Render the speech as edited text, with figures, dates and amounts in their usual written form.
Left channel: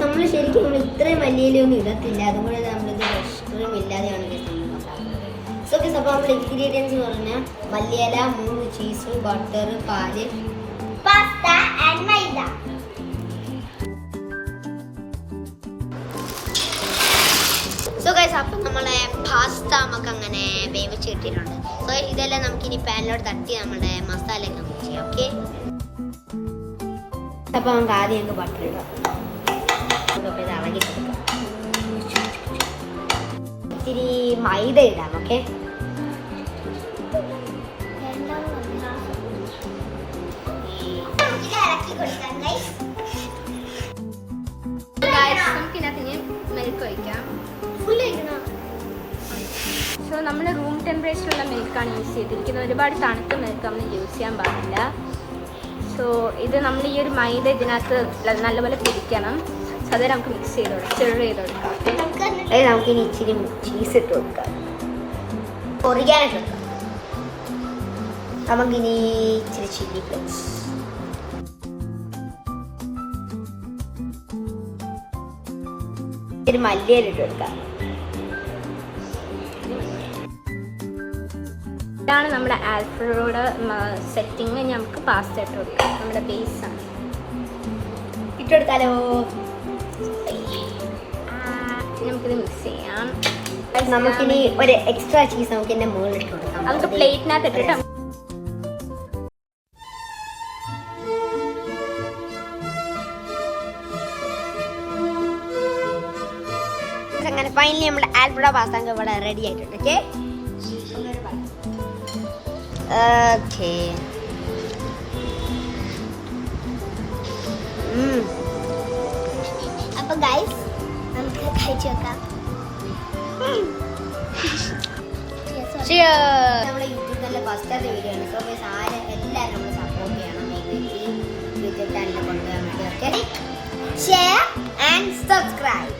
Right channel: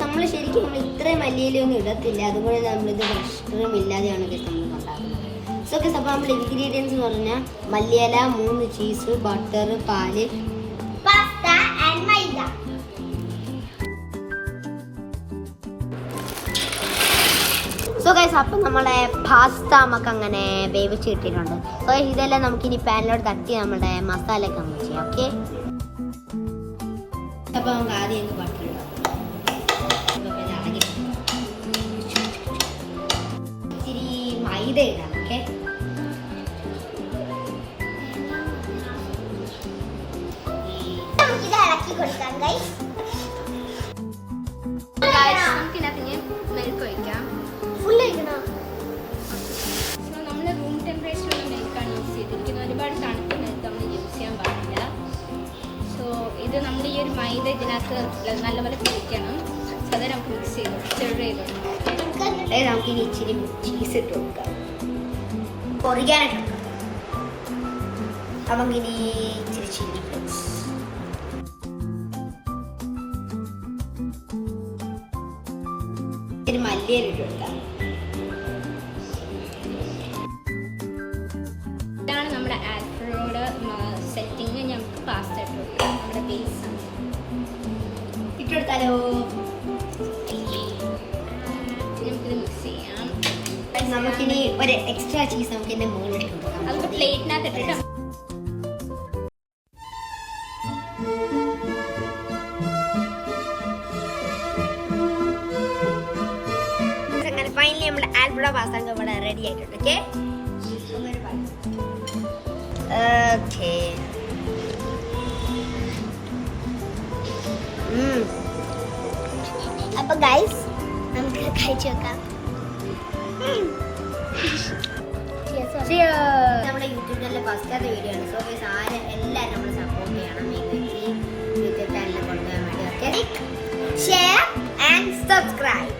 നമ്മൾ ശരിക്കും ഇത്രയും മല്ലിയിലൊന്നും ഇടത്തില്ല, അതുപോലെ നമ്മളിത് ഫ്രഷ് ക്രീം ഇല്ലാതെയാണ് ഉണ്ടാക്കുന്നത്. സോ അപ്പോൾ നമ്മുടെ ഇൻഗ്രീഡിയൻസ് എന്ന് പറഞ്ഞാൽ മല്ലിയില, 3 ചീസ്, ബട്ടർ, പാല്, pasta and maida. So guys, അപ്പം നമ്മുടെ പാസ്ത നമുക്ക് അങ്ങനെ വേവിച്ച് കിട്ടിയിട്ടുണ്ട്. സോ ഇതെല്ലാം നമുക്കിനി പാനിലോട്ട് തട്ടി നമ്മുടെ മസാല ഒക്കെ മിക്സ് ചെയ്യാം. ഓക്കെ, അപ്പോൾ നമുക്ക് ആദ്യം ബട്ടർ ഇടാം. ഇച്ചിരി മൈദ ഇടാം. ഓക്കെ, നമുക്കിനകത്ത് മിൽക്ക് ഒഴിക്കാം. സോ നമ്മൾ റൂം ടെമ്പറേച്ചറുള്ള മിൽക്കാണ് യൂസ് ചെയ്തിരിക്കുന്നത്. ഒരുപാട് തണുത്ത മിൽക്ക് നമ്മൾ യൂസ് ചെയ്യാൻ പാടില്ല. സോ ഇത് നമ്മൾ ഈ ഒരു മൈദ ഇതിനകത്ത് നല്ലപോലെ പിടിക്കണം. സോ അത് നമുക്ക് മിക്സ് ചെയ്ത് നമുക്കിനി ഇച്ചിരി ചീസ് ഇട്ട് കൊടുക്കാം. നമുക്കിനി ഇച്ചിരി ചില്ലി ഫ്ലേക്സ്, ഇച്ചിരി മല്ലിയില ഇട്ട് കൊടുക്കാം. ഇതാണ് നമ്മുടെ ആൽഫ്രഡോയുടെ സെറ്റിങ്. നമുക്ക് പാസ്ത ഇട്ട് കൊടുക്കാം. നമ്മുടെ ബേസ് ഇട്ടെടുത്താലോ? നമുക്കിത് മിക്സ് ചെയ്യാം. നമുക്കിനി ഒരു എക്സ്ട്രാ ചീസ് നമുക്ക് എന്നെ മുകളിൽ ഇട്ട് കൊടുക്കാം. നമുക്ക് പ്ലേറ്റിനകത്ത് ഇട്ടിട്ട് ഫൈനലി നമ്മുടെ ആൽഫ്രഡോ പാസ്ത ഇവിടെ റെഡി ആയിട്ടുണ്ട്. ഓക്കെ ഓക്കെ, അപ്പൊ ഗൈസ് നമുക്ക് കഴിച്ചു വെക്കാം. നമ്മുടെ യൂട്യൂബിലെ ഫസ്റ്റത്തെ വീഡിയോ ആണ്. സോ ഗൈസ്, എല്ലാവരും നമ്മൾ സപ്പോർട്ട് ചെയ്യണം. ഈ വീഡിയോ തന്നെ കൊണ്ടുപോകാൻ വേണ്ടി. Okay, share and subscribe.